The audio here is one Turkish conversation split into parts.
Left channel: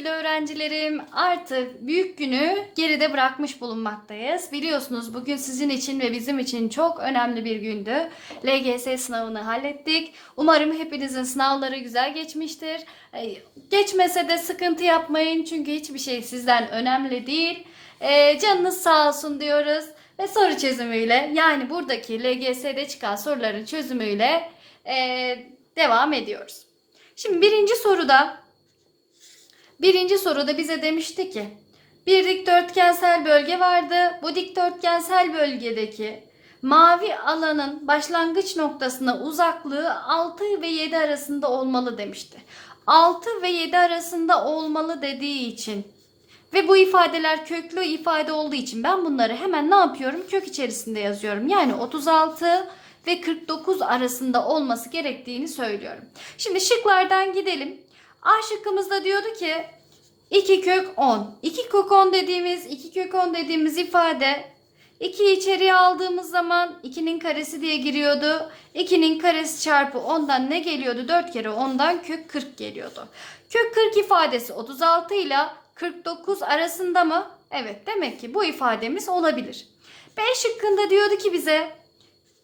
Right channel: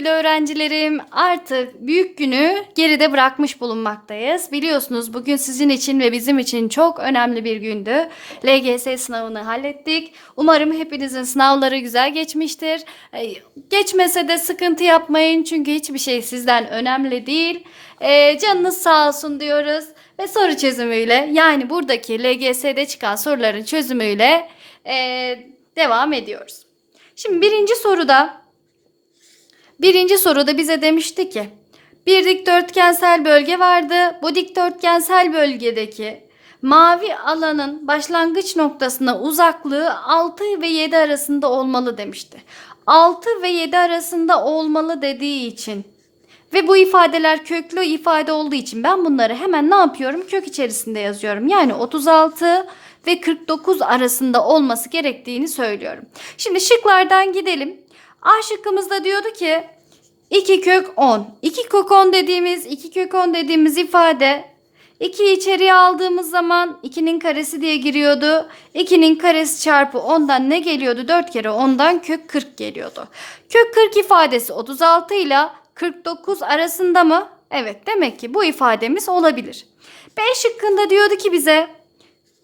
sevgili öğrencilerim. Artık büyük günü geride bırakmış bulunmaktayız. Biliyorsunuz bugün sizin için ve bizim için çok önemli bir gündü. LGS sınavını hallettik. Umarım hepinizin sınavları güzel geçmiştir. Geçmese de sıkıntı yapmayın çünkü hiçbir şey sizden önemli değil. Ee, canınız sağ olsun diyoruz ve soru çözümüyle yani buradaki LGS'de çıkan soruların çözümüyle ee, devam ediyoruz. Şimdi birinci soruda Birinci soruda bize demişti ki bir dikdörtgensel bölge vardı. Bu dikdörtgensel bölgedeki mavi alanın başlangıç noktasına uzaklığı 6 ve 7 arasında olmalı demişti. 6 ve 7 arasında olmalı dediği için ve bu ifadeler köklü ifade olduğu için ben bunları hemen ne yapıyorum? Kök içerisinde yazıyorum. Yani 36 ve 49 arasında olması gerektiğini söylüyorum. Şimdi şıklardan gidelim. A şıkkımızda diyordu ki 2 kök 10. 2 kök 10 dediğimiz 2 kök 10 dediğimiz ifade 2'yi içeriye aldığımız zaman 2'nin karesi diye giriyordu. 2'nin karesi çarpı 10'dan ne geliyordu? 4 kere 10'dan kök 40 geliyordu. Kök 40 ifadesi 36 ile 49 arasında mı? Evet demek ki bu ifademiz olabilir. B şıkkında diyordu ki bize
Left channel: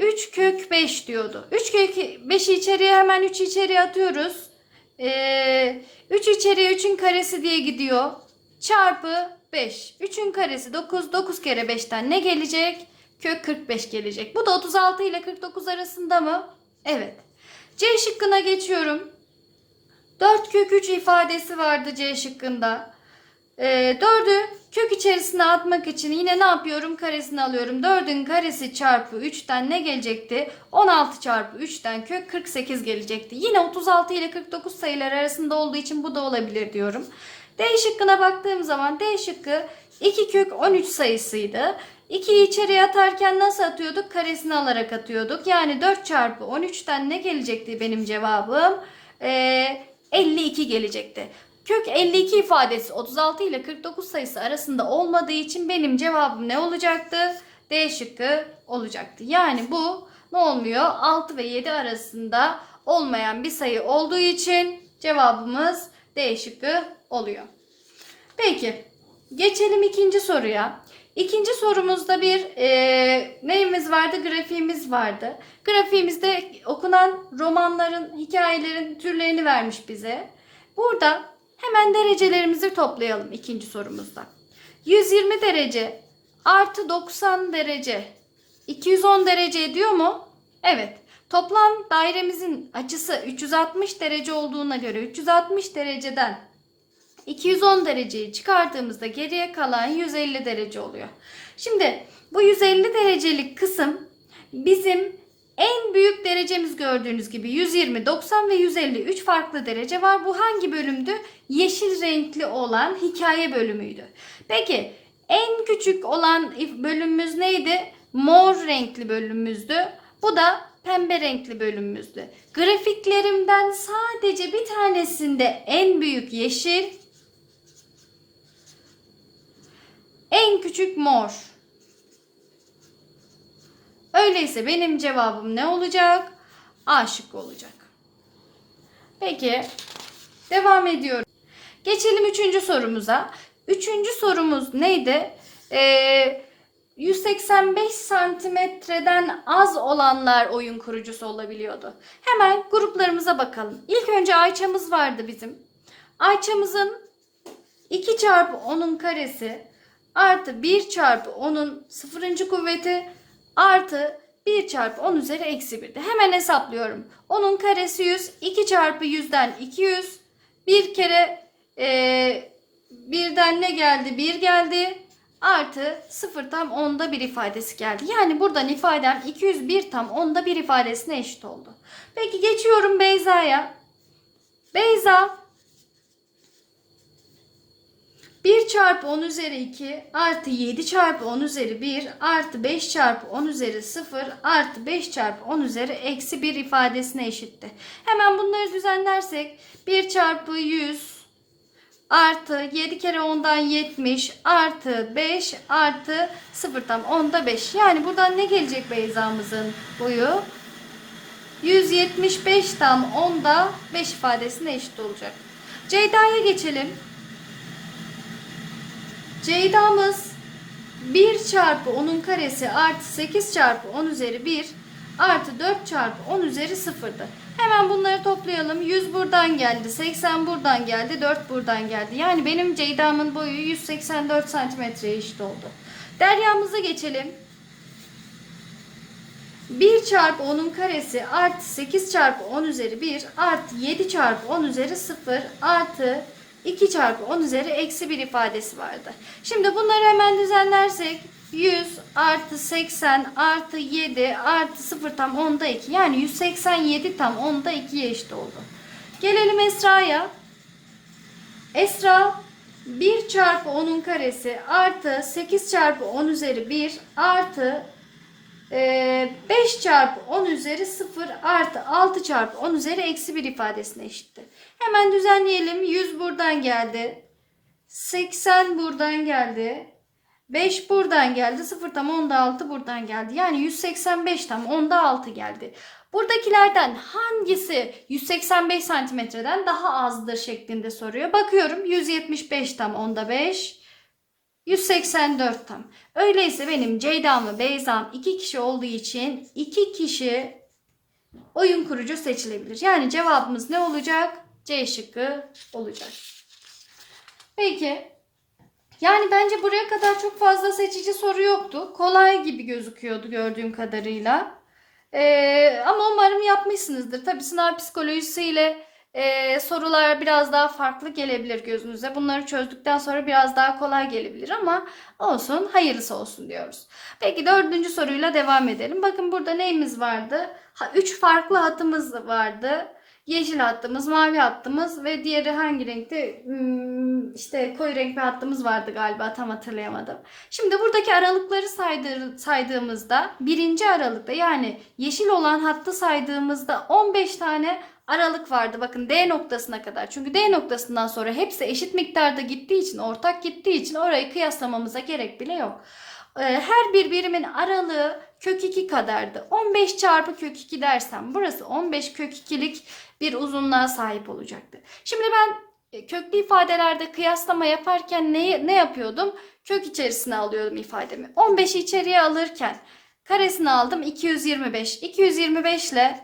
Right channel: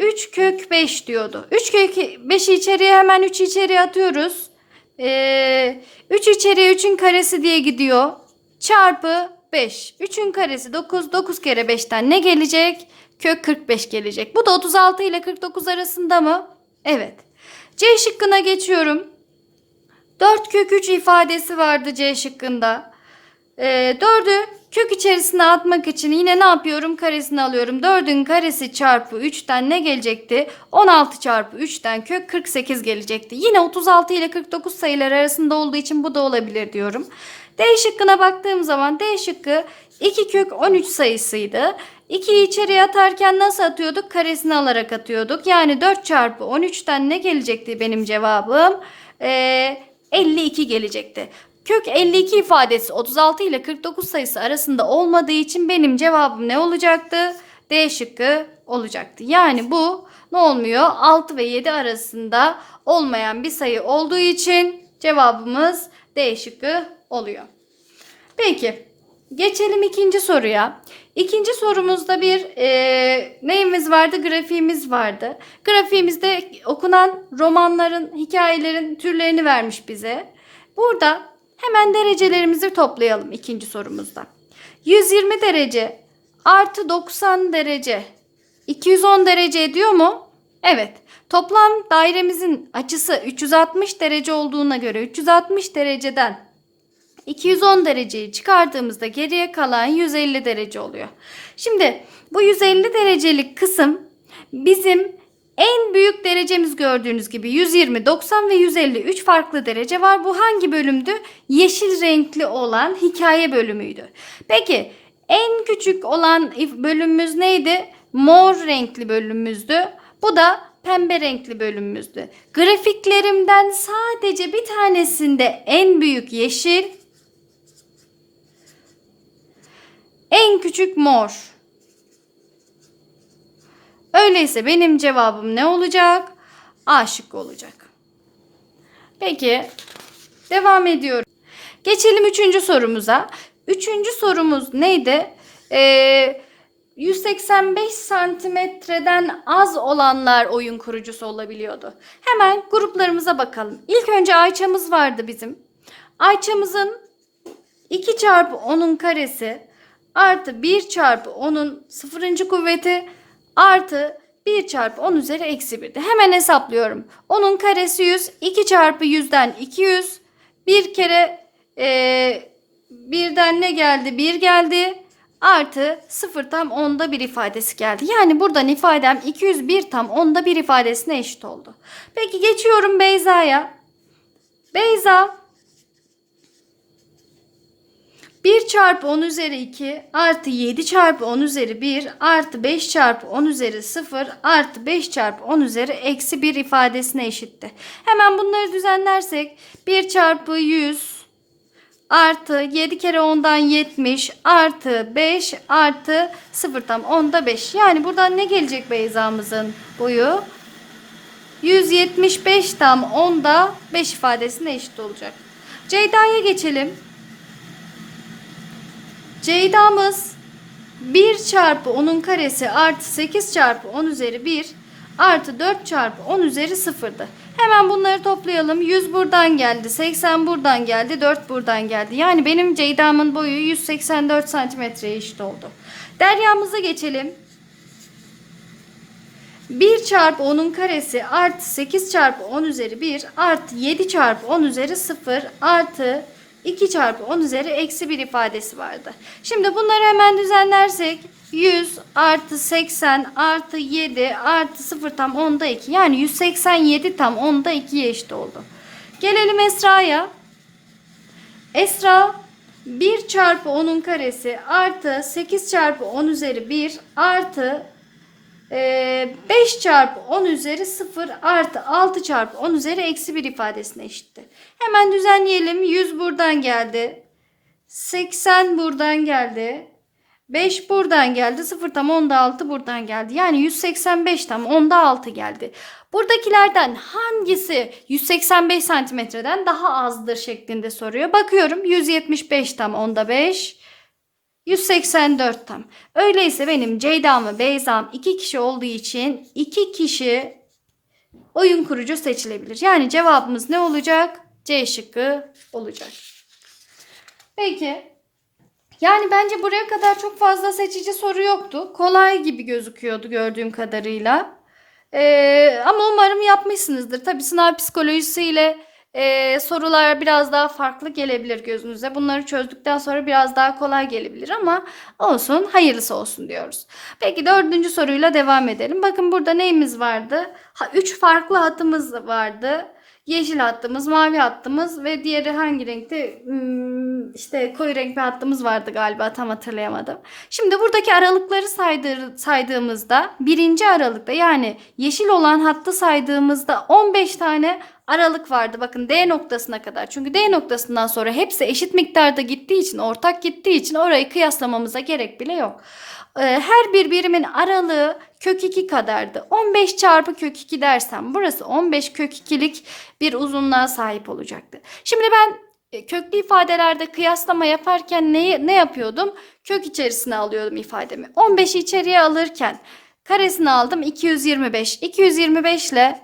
3 kök 5 diyordu. 3 kök 5'i içeriye hemen 3 içeriye atıyoruz. Ee, 3 içeriye 3'ün karesi diye gidiyor. Çarpı 5. 3'ün karesi 9. 9 kere 5'ten ne gelecek? Kök 45 gelecek. Bu da 36 ile 49 arasında mı? Evet. C şıkkına geçiyorum. 4 kök 3 ifadesi vardı C şıkkında. Ee, 4'ü kök içerisine atmak için yine ne yapıyorum? Karesini alıyorum. 4'ün karesi çarpı 3'ten ne gelecekti? 16 çarpı 3'ten kök 48 gelecekti. Yine 36 ile 49 sayılar arasında olduğu için bu da olabilir diyorum. D şıkkına baktığım zaman D şıkkı 2 kök 13 sayısıydı. 2'yi içeriye atarken nasıl atıyorduk? Karesini alarak atıyorduk. Yani 4 çarpı 13'ten ne gelecekti benim cevabım? Ee, 52 gelecekti. Kök 52 ifadesi 36 ile 49 sayısı arasında olmadığı için benim cevabım ne olacaktı? D şıkkı olacaktı. Yani bu ne olmuyor? 6 ve 7 arasında olmayan bir sayı olduğu için cevabımız D şıkkı oluyor. Peki geçelim ikinci soruya. İkinci sorumuzda bir e, neyimiz vardı? Grafiğimiz vardı. Grafiğimizde okunan romanların, hikayelerin türlerini vermiş bize. Burada hemen derecelerimizi toplayalım ikinci sorumuzda. 120 derece artı 90 derece 210 derece ediyor mu? Evet. Toplam dairemizin açısı 360 derece olduğuna göre 360 dereceden 210 dereceyi çıkardığımızda geriye kalan 150 derece oluyor. Şimdi bu 150 derecelik kısım bizim en büyük derecemiz gördüğünüz gibi 120, 90 ve 150 3 farklı derece var. Bu hangi bölümdü? Yeşil renkli olan hikaye bölümüydü. Peki en küçük olan bölümümüz neydi? Mor renkli bölümümüzdü. Bu da pembe renkli bölümümüzdü. Grafiklerimden sadece bir tanesinde en büyük yeşil, en küçük mor. Öyleyse benim cevabım ne olacak? A şıkkı olacak. Peki devam ediyorum. Geçelim üçüncü sorumuza. Üçüncü sorumuz neydi? Ee, 185 santimetreden az olanlar oyun kurucusu olabiliyordu. Hemen gruplarımıza bakalım. İlk önce Ayça'mız vardı bizim. Ayça'mızın 2 çarpı 10'un karesi artı 1 çarpı 10'un sıfırıncı kuvveti artı 1 çarpı 10 üzeri eksi 1'de. Hemen hesaplıyorum. 10'un karesi 100. 2 çarpı 100'den 200. Bir kere e, birden ne geldi? 1 geldi. Artı 0 tam 10'da 1 ifadesi geldi. Yani buradan ifadem 201 tam 10'da 1 ifadesine eşit oldu. Peki geçiyorum Beyza'ya. Beyza 1 çarpı 10 üzeri 2 artı 7 çarpı 10 üzeri 1 artı 5 çarpı 10 üzeri 0 artı 5 çarpı 10 üzeri eksi 1 ifadesine eşitti. Hemen bunları düzenlersek 1 çarpı 100 artı 7 kere 10'dan 70 artı 5 artı 0 tam 10'da 5. Yani buradan ne gelecek Beyza'mızın boyu? 175 tam 10'da 5 ifadesine eşit olacak. Ceyda'ya geçelim. Ceyda'mız 1 çarpı 10'un karesi artı 8 çarpı 10 üzeri 1 artı 4 çarpı 10 üzeri 0'dı. Hemen bunları toplayalım. 100 buradan geldi, 80 buradan geldi, 4 buradan geldi. Yani benim Ceyda'mın boyu 184 santimetreye eşit oldu. Derya'mıza geçelim. 1 çarpı 10'un karesi artı 8 çarpı 10 üzeri 1 artı 7 çarpı 10 üzeri 0 artı 2 çarpı 10 üzeri eksi 1 ifadesi vardı. Şimdi bunları hemen düzenlersek 100 artı 80 artı 7 artı 0 tam 10'da 2 yani 187 tam 10'da 2'ye eşit oldu. Gelelim Esra'ya. Esra 1 çarpı 10'un karesi artı 8 çarpı 10 üzeri 1 artı ee, 5 çarpı 10 üzeri 0 artı 6 çarpı 10 üzeri eksi 1 ifadesine eşitti. Hemen düzenleyelim. 100 buradan geldi. 80 buradan geldi. 5 buradan geldi. 0 tam 10'da 6 buradan geldi. Yani 185 tam 10'da 6 geldi. Buradakilerden hangisi 185 santimetreden daha azdır şeklinde soruyor. Bakıyorum 175 tam 10'da 5. 184 tam. Öyleyse benim Ceyda'm ve Beyza'm iki kişi olduğu için iki kişi oyun kurucu seçilebilir. Yani cevabımız ne olacak? C şıkkı olacak. Peki. Yani bence buraya kadar çok fazla seçici soru yoktu. Kolay gibi gözüküyordu gördüğüm kadarıyla. Ee, ama umarım yapmışsınızdır. Tabii sınav psikolojisiyle ee, sorular biraz daha farklı gelebilir gözünüze. Bunları çözdükten sonra biraz daha kolay gelebilir ama olsun hayırlısı olsun diyoruz. Peki dördüncü soruyla devam edelim. Bakın burada neyimiz vardı? Ha, üç farklı hatımız vardı. Yeşil hattımız, mavi hattımız ve diğeri hangi renkte? Hmm, işte koyu renk bir hattımız vardı galiba tam hatırlayamadım. Şimdi buradaki aralıkları saydır, saydığımızda birinci aralıkta yani yeşil olan hattı saydığımızda 15 tane aralık vardı. Bakın D noktasına kadar. Çünkü D noktasından sonra hepsi eşit miktarda gittiği için, ortak gittiği için orayı kıyaslamamıza gerek bile yok. Ee, her bir birimin aralığı kök 2 kadardı. 15 çarpı kök 2 dersem burası 15 kök 2'lik bir uzunluğa sahip olacaktı. Şimdi ben e, köklü ifadelerde kıyaslama yaparken ne, ne yapıyordum? Kök içerisine alıyordum ifademi. 15'i içeriye alırken karesini aldım 225. 225 ile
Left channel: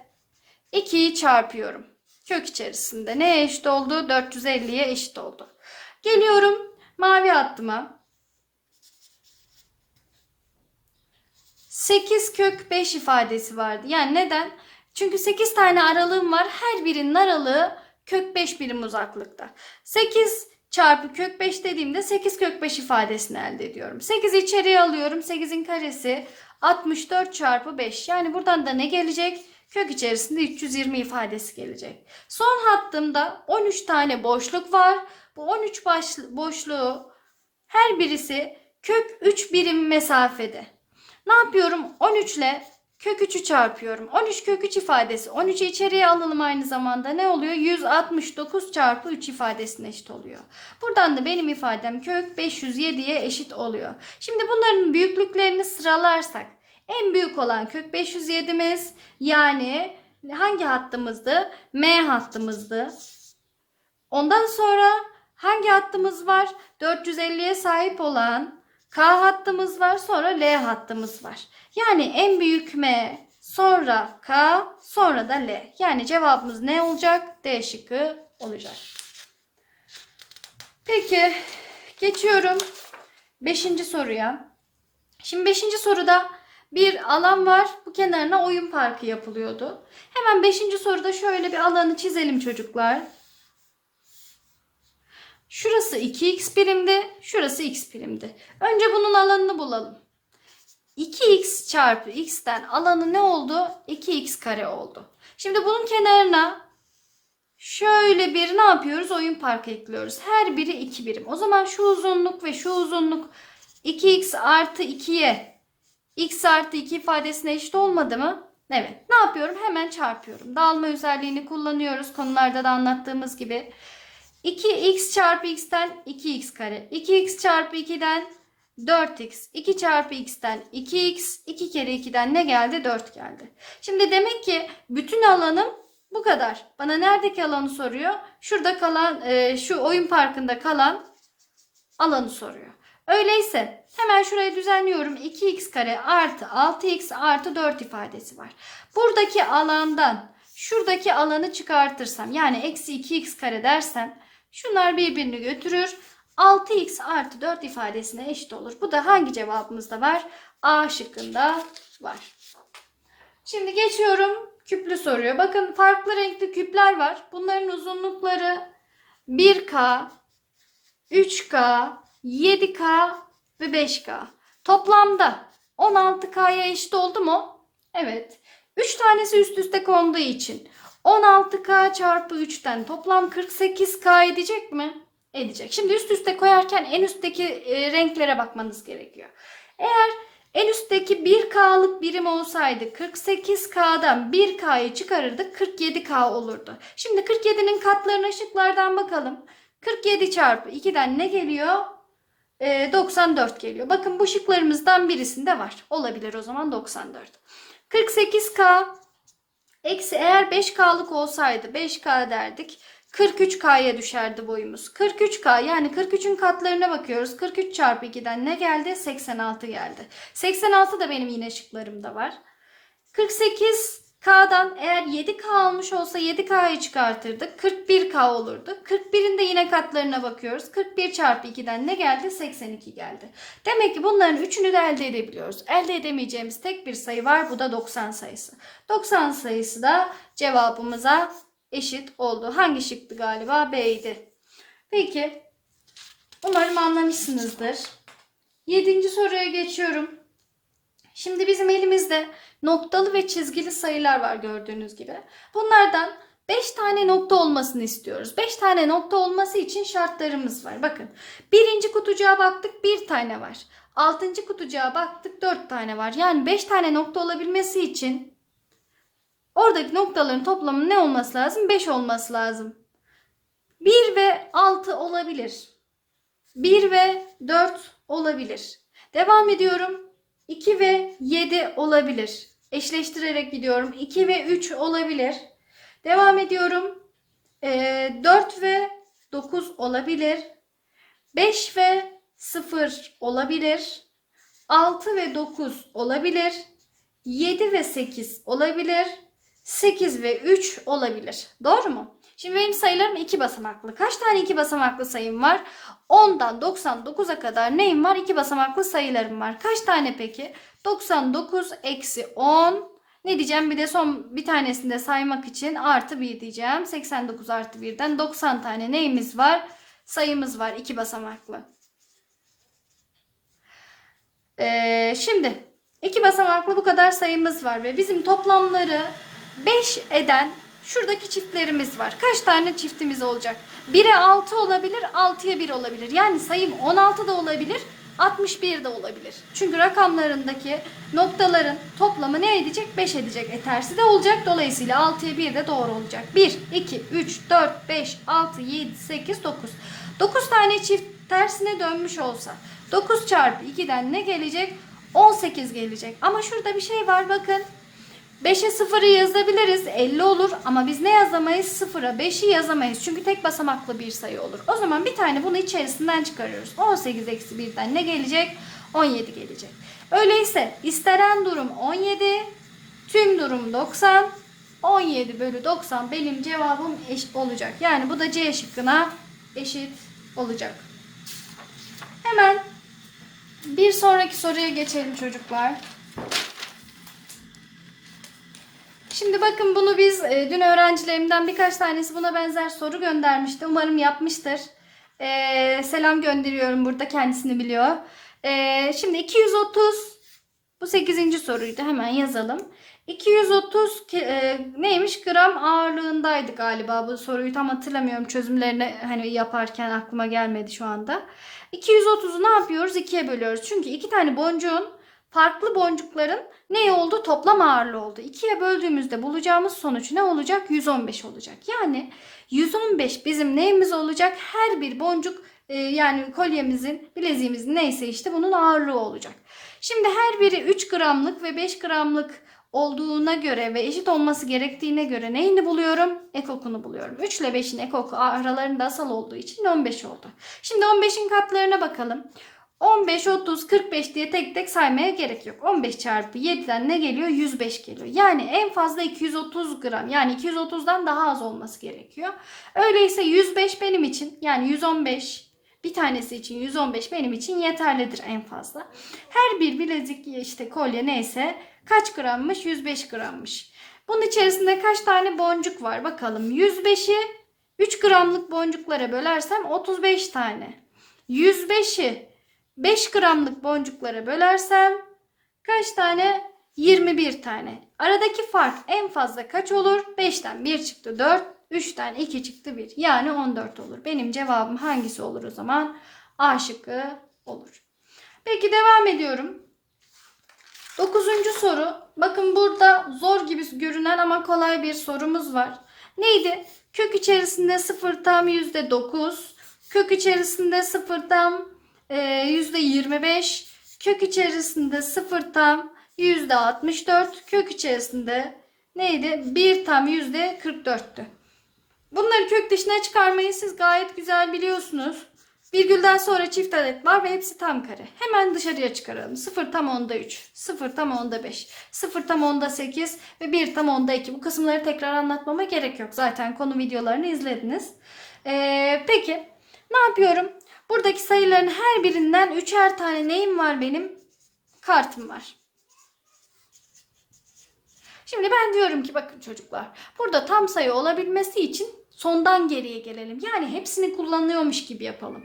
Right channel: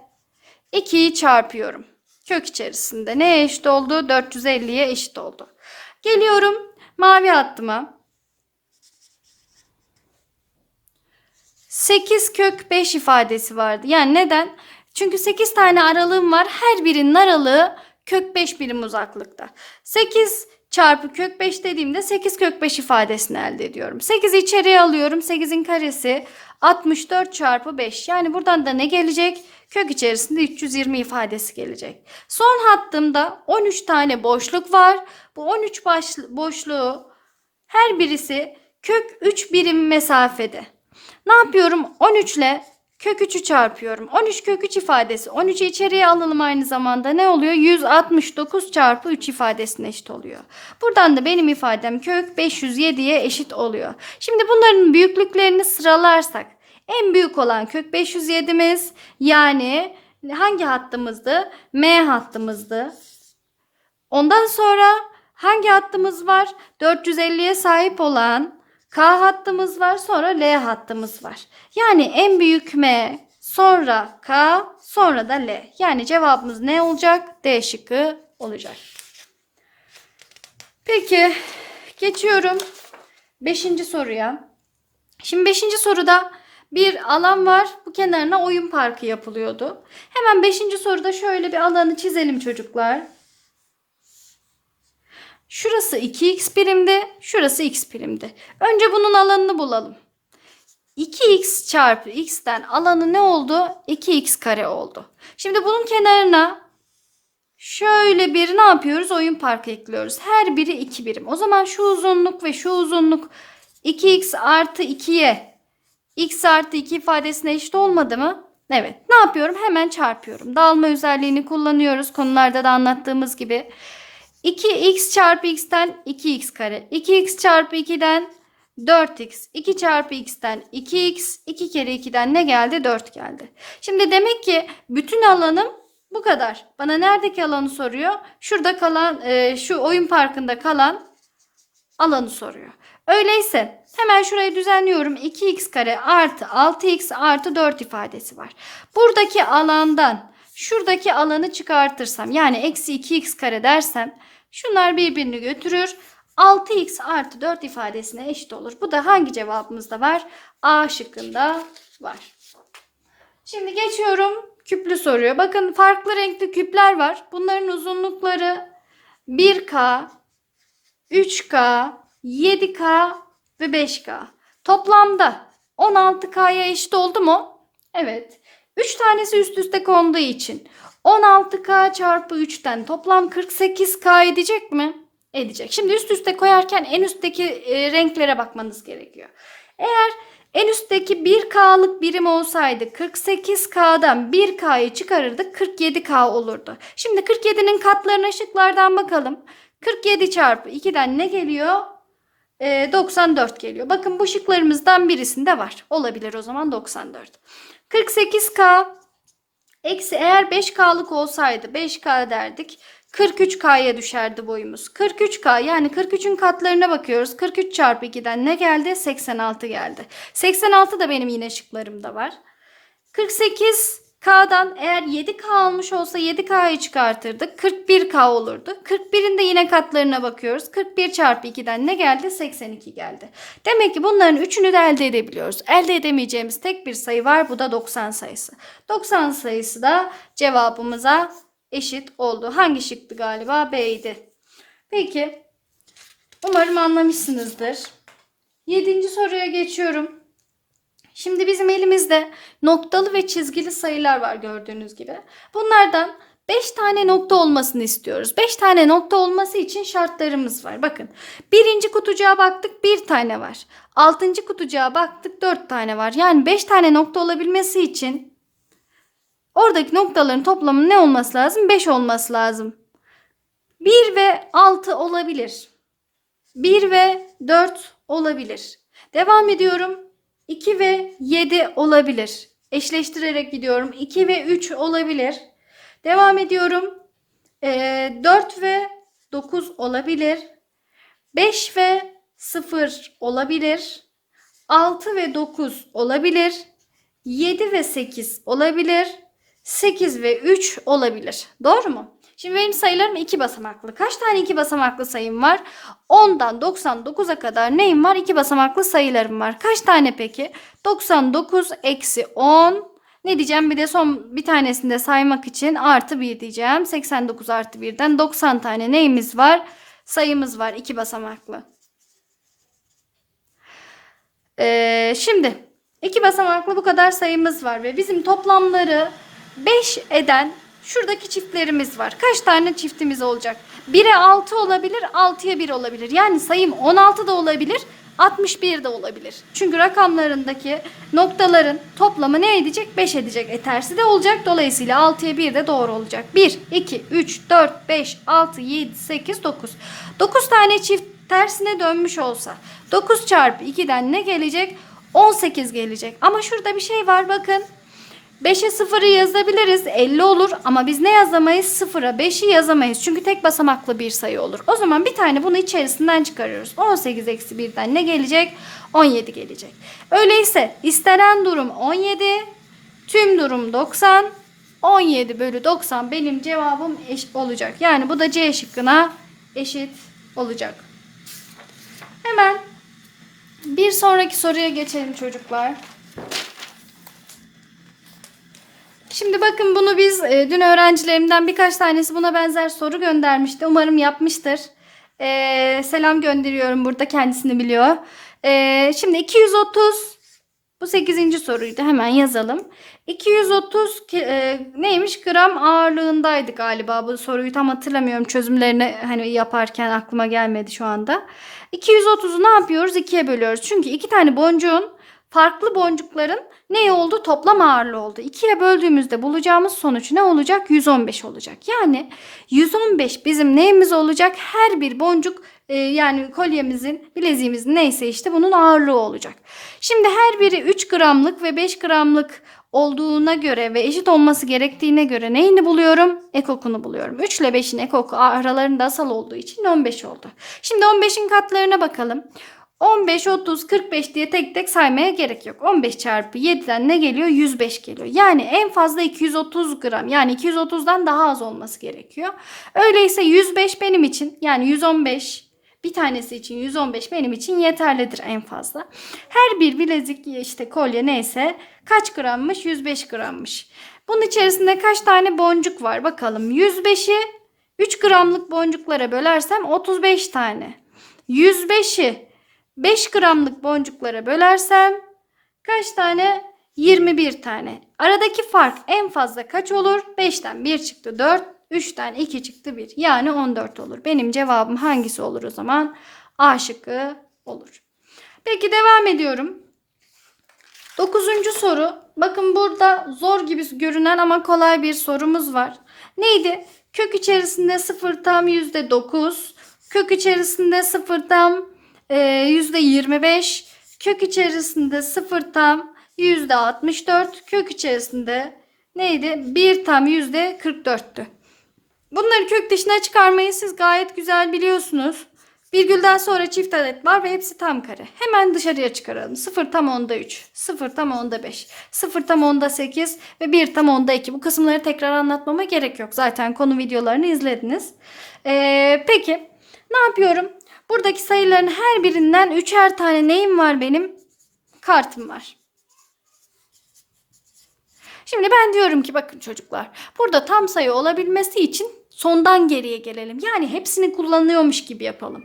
2'yi çarpıyorum. Kök içerisinde neye eşit oldu? 450'ye eşit oldu. Geliyorum mavi hattıma. 8 kök 5 ifadesi vardı. Yani neden? Çünkü 8 tane aralığım var. Her birinin aralığı kök 5 birim uzaklıkta. 8 çarpı kök 5 dediğimde 8 kök 5 ifadesini elde ediyorum. 8'i içeriye alıyorum. 8'in karesi 64 çarpı 5. Yani buradan da ne gelecek? Kök içerisinde 320 ifadesi gelecek. Son hattımda 13 tane boşluk var. Bu 13 boşluğu her birisi kök 3 birim mesafede. Ne yapıyorum? 13 ile kök 3'ü çarpıyorum. 13 kök 3 ifadesi. 13'ü içeriye alalım aynı zamanda. Ne oluyor? 169 çarpı 3 ifadesine eşit oluyor. Buradan da benim ifadem kök 507'ye eşit oluyor. Şimdi bunların büyüklüklerini sıralarsak. En büyük olan kök 507'miz yani hangi hattımızdı? M hattımızdı. Ondan sonra hangi hattımız var? 450'ye sahip olan K hattımız var sonra L hattımız var. Yani en büyük M sonra K sonra da L. Yani cevabımız ne olacak? D şıkkı olacak. Peki geçiyorum 5. soruya. Şimdi 5. soruda bir alan var. Bu kenarına oyun parkı yapılıyordu. Hemen 5. soruda şöyle bir alanı çizelim çocuklar. Şurası 2x birimdi. Şurası x birimdi. Önce bunun alanını bulalım. 2x çarpı x'ten alanı ne oldu? 2x kare oldu. Şimdi bunun kenarına şöyle bir ne yapıyoruz? Oyun parkı ekliyoruz. Her biri 2 birim. O zaman şu uzunluk ve şu uzunluk 2x artı 2'ye x artı 2 ifadesine eşit olmadı mı? Evet. Ne yapıyorum? Hemen çarpıyorum. Dağılma özelliğini kullanıyoruz. Konularda da anlattığımız gibi. 2x çarpı x'ten 2x kare. 2x çarpı 2'den 4x. 2 çarpı x'ten 2x. 2 kere 2'den ne geldi? 4 geldi. Şimdi demek ki bütün alanım bu kadar. Bana neredeki alanı soruyor? Şurada kalan, e, şu oyun parkında kalan alanı soruyor. Öyleyse hemen şurayı düzenliyorum. 2x kare artı 6x artı 4 ifadesi var. Buradaki alandan şuradaki alanı çıkartırsam yani eksi 2x kare dersem şunlar birbirini götürür. 6x artı 4 ifadesine eşit olur. Bu da hangi cevabımızda var? A şıkkında var. Şimdi geçiyorum küplü soruyor. Bakın farklı renkli küpler var. Bunların uzunlukları 1K, 3K, 7K ve 5K. Toplamda 16K'ya eşit oldu mu? Evet. 3 tanesi üst üste konduğu için 16K çarpı 3'ten toplam 48K edecek mi? Edecek. Şimdi üst üste koyarken en üstteki e, renklere bakmanız gerekiyor. Eğer en üstteki 1K'lık birim olsaydı 48K'dan 1K'yı çıkarırdık 47K olurdu. Şimdi 47'nin katlarına şıklardan bakalım. 47 çarpı 2'den ne geliyor? Ee, 94 geliyor. Bakın bu şıklarımızdan birisinde var. Olabilir o zaman 94. 48K eksi eğer 5K'lık olsaydı 5K derdik. 43K'ya düşerdi boyumuz. 43K yani 43'ün katlarına bakıyoruz. 43 çarpı 2'den ne geldi? 86 geldi. 86 da benim yine şıklarımda var. 48K'dan eğer 7K almış olsa 7K'yı çıkartırdık. 41K olurdu. 41'in de yine katlarına bakıyoruz. 41 çarpı 2'den ne geldi? 82 geldi. Demek ki bunların üçünü de elde edebiliyoruz. Elde edemeyeceğimiz tek bir sayı var. Bu da 90 sayısı. 90 sayısı da cevabımıza eşit oldu. Hangi şıktı galiba? B'ydi. Peki. Umarım anlamışsınızdır. Yedinci soruya geçiyorum. Şimdi bizim elimizde noktalı ve çizgili sayılar var gördüğünüz gibi. Bunlardan 5 tane nokta olmasını istiyoruz. 5 tane nokta olması için şartlarımız var. Bakın birinci kutucuğa baktık bir tane var. Altıncı kutucuğa baktık 4 tane var. Yani 5 tane nokta olabilmesi için oradaki noktaların toplamı ne olması lazım? 5 olması lazım. 1 ve 6 olabilir. 1 ve 4 olabilir. Devam ediyorum. 2 ve 7 olabilir. Eşleştirerek gidiyorum. 2 ve 3 olabilir. Devam ediyorum. Ee, 4 ve 9 olabilir. 5 ve 0 olabilir. 6 ve 9 olabilir. 7 ve 8 olabilir. 8 ve 3 olabilir. Doğru mu? Şimdi benim sayılarım iki basamaklı. Kaç tane iki basamaklı sayım var? 10'dan 99'a kadar neyim var? İki basamaklı sayılarım var. Kaç tane peki? 99 eksi 10. Ne diyeceğim? Bir de son bir tanesini de saymak için artı 1 diyeceğim. 89 artı 1'den 90 tane neyimiz var? Sayımız var. iki basamaklı. Ee, şimdi iki basamaklı bu kadar sayımız var ve bizim toplamları 5 eden şuradaki çiftlerimiz var. Kaç tane çiftimiz olacak? 1'e 6 olabilir, 6'ya 1 olabilir. Yani sayım 16 da olabilir, 61 de olabilir. Çünkü rakamlarındaki noktaların toplamı ne edecek? 5 edecek. E tersi de olacak. Dolayısıyla 6'ya 1 de doğru olacak. 1, 2, 3, 4, 5, 6, 7, 8, 9. 9 tane çift tersine dönmüş olsa 9 çarpı 2'den ne gelecek? 18 gelecek. Ama şurada bir şey var bakın. 5'e 0'ı yazabiliriz. 50 olur ama biz ne yazamayız? 0'a 5'i yazamayız. Çünkü tek basamaklı bir sayı olur. O zaman bir tane bunu içerisinden çıkarıyoruz. 18 eksi 1'den ne gelecek? 17 gelecek. Öyleyse istenen durum 17. Tüm durum 90. 17 bölü 90 benim cevabım eşit olacak. Yani bu da C şıkkına eşit olacak. Hemen bir sonraki soruya geçelim çocuklar. Şimdi bakın bunu biz e, dün öğrencilerimden birkaç tanesi buna benzer soru göndermişti. Umarım yapmıştır. E, selam gönderiyorum burada kendisini biliyor. E, şimdi 230 bu 8. soruydu. Hemen yazalım. 230 ki- e, neymiş? Gram ağırlığındaydı galiba. Bu soruyu tam hatırlamıyorum. Çözümlerini hani yaparken aklıma gelmedi şu anda. 230'u ne yapıyoruz? 2'ye bölüyoruz. Çünkü iki tane boncuğun farklı boncukların ne oldu? Toplam ağırlığı oldu. 2'ye böldüğümüzde bulacağımız sonuç ne olacak? 115 olacak. Yani 115 bizim neyimiz olacak? Her bir boncuk e, yani kolyemizin, bileziğimizin neyse işte bunun ağırlığı olacak. Şimdi her biri 3 gramlık ve 5 gramlık olduğuna göre ve eşit olması gerektiğine göre neyini buluyorum? Ekokunu buluyorum. 3 ile 5'in ekoku aralarında asal olduğu için 15 oldu. Şimdi 15'in katlarına bakalım. 15, 30, 45 diye tek tek saymaya gerek yok. 15 çarpı 7'den ne geliyor? 105 geliyor. Yani en fazla 230 gram yani 230'dan daha az olması gerekiyor. Öyleyse 105 benim için yani 115 bir tanesi için 115 benim için yeterlidir en fazla. Her bir bilezik işte kolye neyse kaç grammış? 105 grammış. Bunun içerisinde kaç tane boncuk var bakalım. 105'i 3 gramlık boncuklara bölersem 35 tane. 105'i 5 gramlık boncuklara bölersem kaç tane? 21 tane. Aradaki fark en fazla kaç olur? 5'ten 1 çıktı 4, 3'ten 2 çıktı 1. Yani 14 olur. Benim cevabım hangisi olur o zaman? A şıkkı olur. Peki devam ediyorum. Dokuzuncu soru. Bakın burada zor gibi görünen ama kolay bir sorumuz var. Neydi? Kök içerisinde 0 tam %9. Kök içerisinde 0 tam %25. Kök içerisinde 0 tam %64. Kök içerisinde neydi? 1 tam %44'tü. Bunları kök dışına çıkarmayı siz gayet güzel biliyorsunuz. Virgülden sonra çift adet var ve hepsi tam kare. Hemen dışarıya çıkaralım. 0 tam onda 3, 0 tam onda 5, 0 tam onda 8 ve 1 tam onda 2. Bu kısımları tekrar anlatmama gerek yok. Zaten konu videolarını izlediniz. Ee, peki ne yapıyorum? Buradaki sayıların her birinden üçer tane neyim var benim? Kartım var. Şimdi ben diyorum ki bakın çocuklar burada tam sayı olabilmesi için sondan geriye gelelim. Yani hepsini kullanıyormuş gibi yapalım.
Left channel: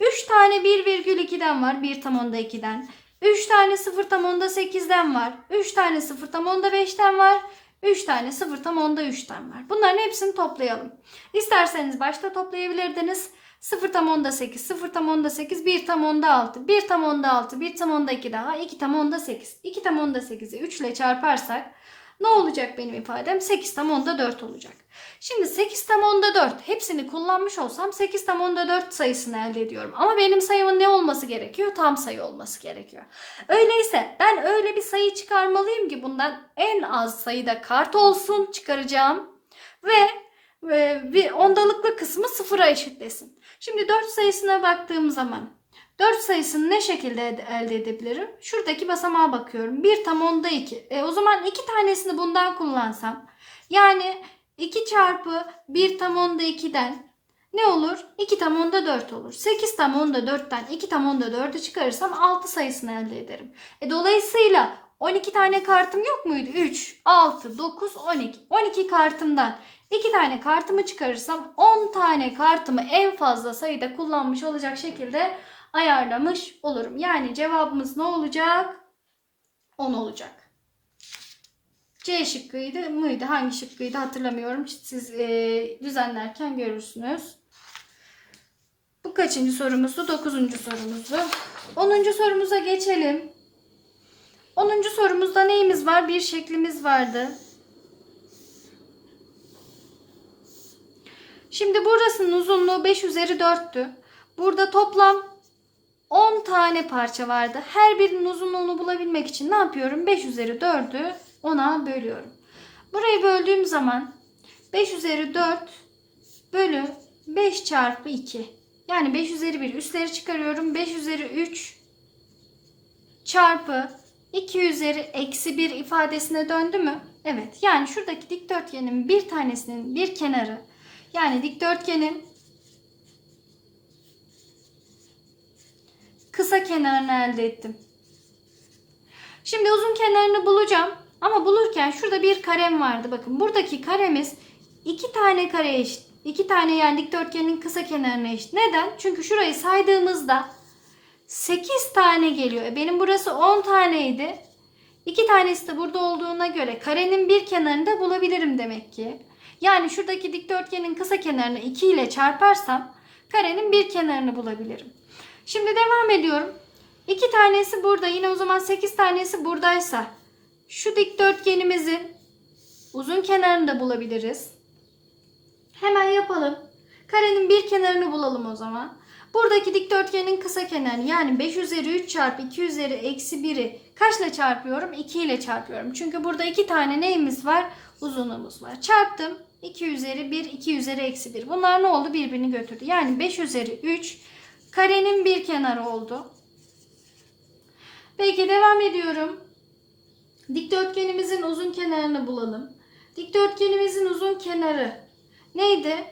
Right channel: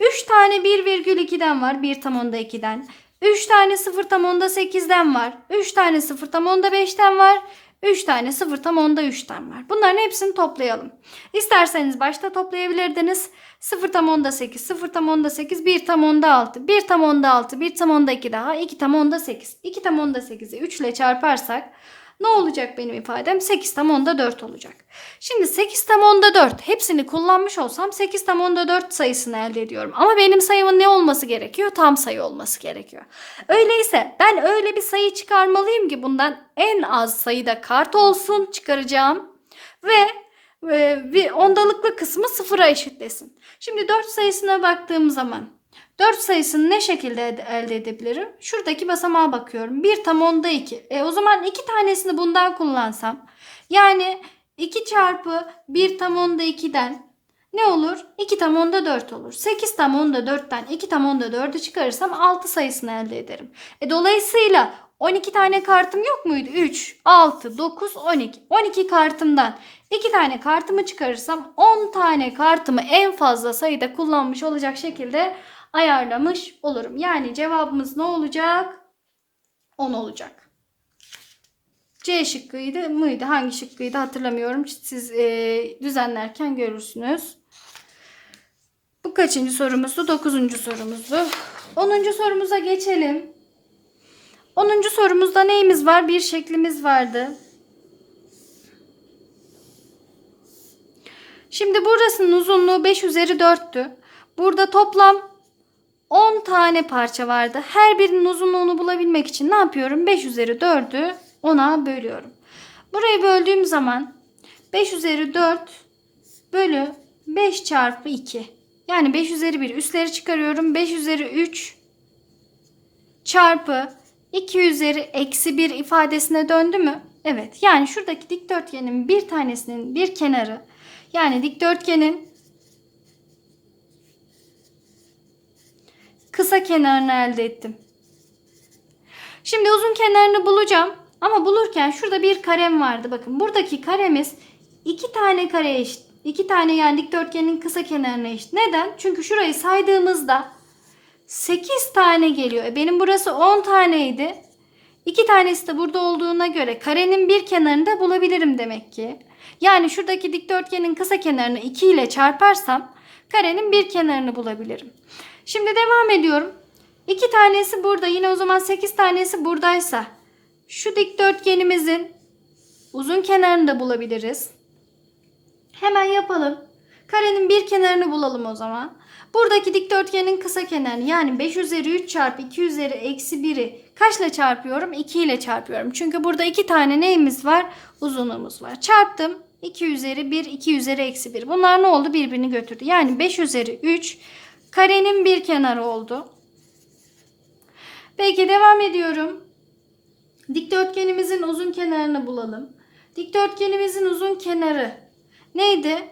3 tane 1,2'den var. 1 tam onda 2'den. 3 tane 0 tam onda 8'den var. 3 tane 0 tam onda 5'ten var. 3 tane 0 tam onda 3'ten var. Bunların hepsini toplayalım. İsterseniz başta toplayabilirdiniz. 0 tam onda 8, 0 tam onda 8, 1 tam onda 6, 1 tam onda 6, 1 tam onda 2 daha, 2 tam onda 8. 2 tam onda 8'i 3 ile çarparsak ne olacak benim ifadem? 8 tam onda 4 olacak. Şimdi 8 tam onda 4 hepsini kullanmış olsam 8 tam onda 4 sayısını elde ediyorum. Ama benim sayımın ne olması gerekiyor? Tam sayı olması gerekiyor. Öyleyse ben öyle bir sayı çıkarmalıyım ki bundan en az sayıda kart olsun çıkaracağım. Ve e, bir ondalıklı kısmı sıfıra eşitlesin. Şimdi 4 sayısına baktığım zaman 4 sayısını ne şekilde elde edebilirim? Şuradaki basamağa bakıyorum. 1 tam onda 2. E, o zaman 2 tanesini bundan kullansam. Yani 2 çarpı 1 tam onda 2'den ne olur? 2 tam onda 4 olur. 8 tam onda 4'ten 2 tam onda 4'ü çıkarırsam 6 sayısını elde ederim. E, dolayısıyla 12 tane kartım yok muydu? 3, 6, 9, 12. 12 kartımdan 2 tane kartımı çıkarırsam 10 tane kartımı en fazla sayıda kullanmış olacak şekilde ayarlamış olurum. Yani cevabımız ne olacak? 10 olacak. C şıkkıydı mıydı? Hangi şıkkıydı hatırlamıyorum. Siz e, düzenlerken görürsünüz. Bu kaçıncı sorumuzdu? Dokuzuncu sorumuzdu. Onuncu sorumuza geçelim. Onuncu sorumuzda neyimiz var? Bir şeklimiz vardı. Şimdi burasının uzunluğu 5 üzeri 4'tü. Burada toplam 10 tane parça vardı. Her birinin uzunluğunu bulabilmek için ne yapıyorum? 5 üzeri 4'ü 10'a bölüyorum. Burayı böldüğüm zaman 5 üzeri 4 bölü 5 çarpı 2. Yani 5 üzeri 1 üstleri çıkarıyorum. 5 üzeri 3 çarpı 2 üzeri eksi 1 ifadesine döndü mü? Evet. Yani şuradaki dikdörtgenin bir tanesinin bir kenarı yani dikdörtgenin kısa kenarını elde ettim. Şimdi uzun kenarını bulacağım. Ama bulurken şurada bir karem vardı. Bakın buradaki karemiz iki tane kare eşit. İki tane yani dikdörtgenin kısa kenarına eşit. Neden? Çünkü şurayı saydığımızda 8 tane geliyor. E benim burası 10 taneydi. İki tanesi de burada olduğuna göre karenin bir kenarını da bulabilirim demek ki. Yani şuradaki dikdörtgenin kısa kenarını 2 ile çarparsam karenin bir kenarını bulabilirim. Şimdi devam ediyorum. 2 tanesi burada. Yine o zaman 8 tanesi buradaysa şu dikdörtgenimizin uzun kenarını da bulabiliriz. Hemen yapalım. Karenin bir kenarını bulalım o zaman. Buradaki dikdörtgenin kısa kenarını yani 5 üzeri 3 çarpı 2 üzeri eksi 1'i kaçla çarpıyorum? 2 ile çarpıyorum. Çünkü burada iki tane neyimiz var? Uzunluğumuz var. Çarptım. 2 üzeri 1, 2 üzeri eksi 1. Bunlar ne oldu? Birbirini götürdü. Yani 5 üzeri 3 karenin bir kenarı oldu. Peki devam ediyorum. Dikdörtgenimizin uzun kenarını bulalım. Dikdörtgenimizin uzun kenarı neydi?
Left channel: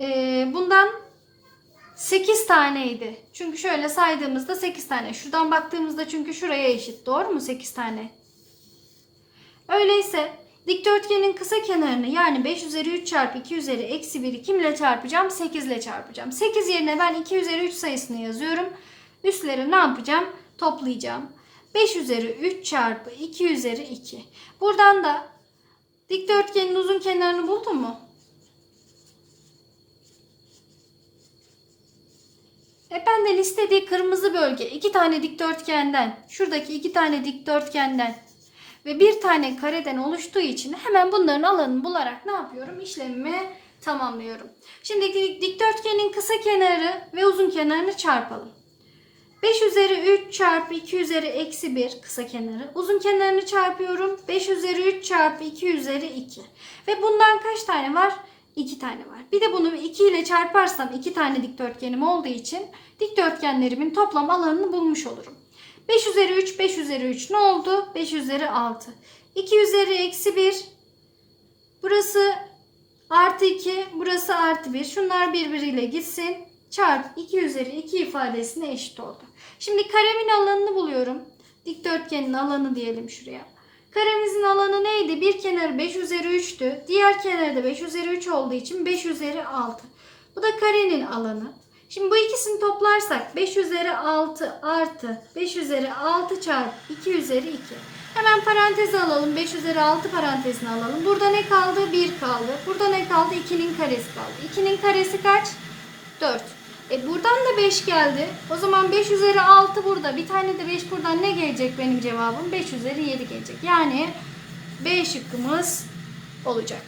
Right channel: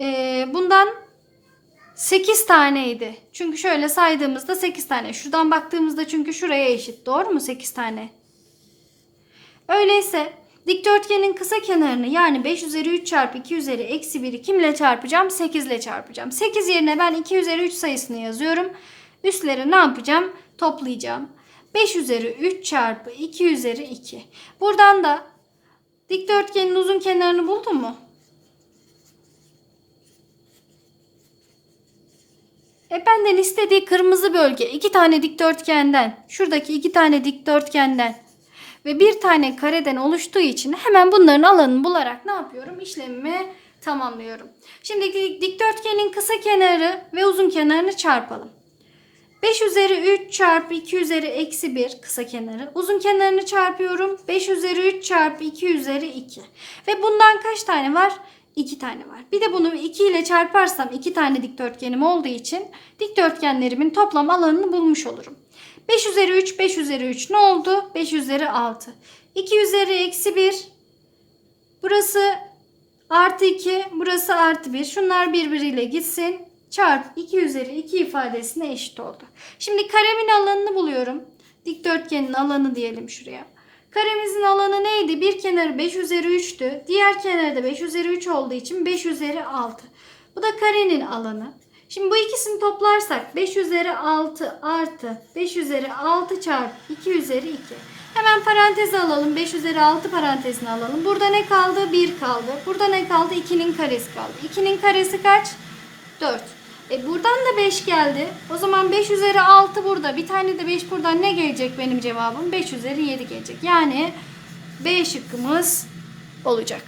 Ee, bundan 8 taneydi. Çünkü şöyle saydığımızda 8 tane. Şuradan baktığımızda çünkü şuraya eşit. Doğru mu? 8 tane. Öyleyse dikdörtgenin kısa kenarını yani 5 üzeri 3 çarpı 2 üzeri eksi 1'i kimle çarpacağım? 8 ile çarpacağım. 8 yerine ben 2 üzeri 3 sayısını yazıyorum. Üstleri ne yapacağım? Toplayacağım. 5 üzeri 3 çarpı 2 üzeri 2. Buradan da dikdörtgenin uzun kenarını buldun mu? E benden istediği kırmızı bölge iki tane dikdörtgenden, şuradaki iki tane dikdörtgenden ve bir tane kareden oluştuğu için hemen bunların alanını bularak ne yapıyorum? İşlemimi tamamlıyorum. Şimdi dik- dikdörtgenin kısa kenarı ve uzun kenarını çarpalım. 5 üzeri 3 çarpı 2 üzeri eksi 1 kısa kenarı. Uzun kenarını çarpıyorum. 5 üzeri 3 çarpı 2 üzeri 2. Ve bundan kaç tane var? 2 tane var. Bir de bunu 2 ile çarparsam 2 tane dikdörtgenim olduğu için dikdörtgenlerimin toplam alanını bulmuş olurum. 5 üzeri 3, 5 üzeri 3 ne oldu? 5 üzeri 6. 2 üzeri eksi 1. Burası artı 2, burası artı 1. Şunlar birbiriyle gitsin. Çarp 2 üzeri 2 ifadesine eşit oldu. Şimdi karemin alanını buluyorum. Dikdörtgenin alanı diyelim şuraya. Karemizin alanı neydi? Bir kenarı 5 üzeri 3'tü. Diğer kenarı da 5 üzeri 3 olduğu için 5 üzeri 6. Bu da karenin alanı. Şimdi bu ikisini toplarsak 5 üzeri 6 artı 5 üzeri 6 çarpı 2 üzeri 2. Hemen parantez alalım. 5 üzeri 6 parantezini alalım. Burada ne kaldı? 1 kaldı. Burada ne kaldı? 2'nin karesi kaldı. 2'nin karesi kaç? 4. E buradan da 5 geldi. O zaman 5 üzeri 6 burada. Bir tane de 5 buradan ne gelecek benim cevabım? 5 üzeri 7 gelecek. Yani B şıkkımız olacak.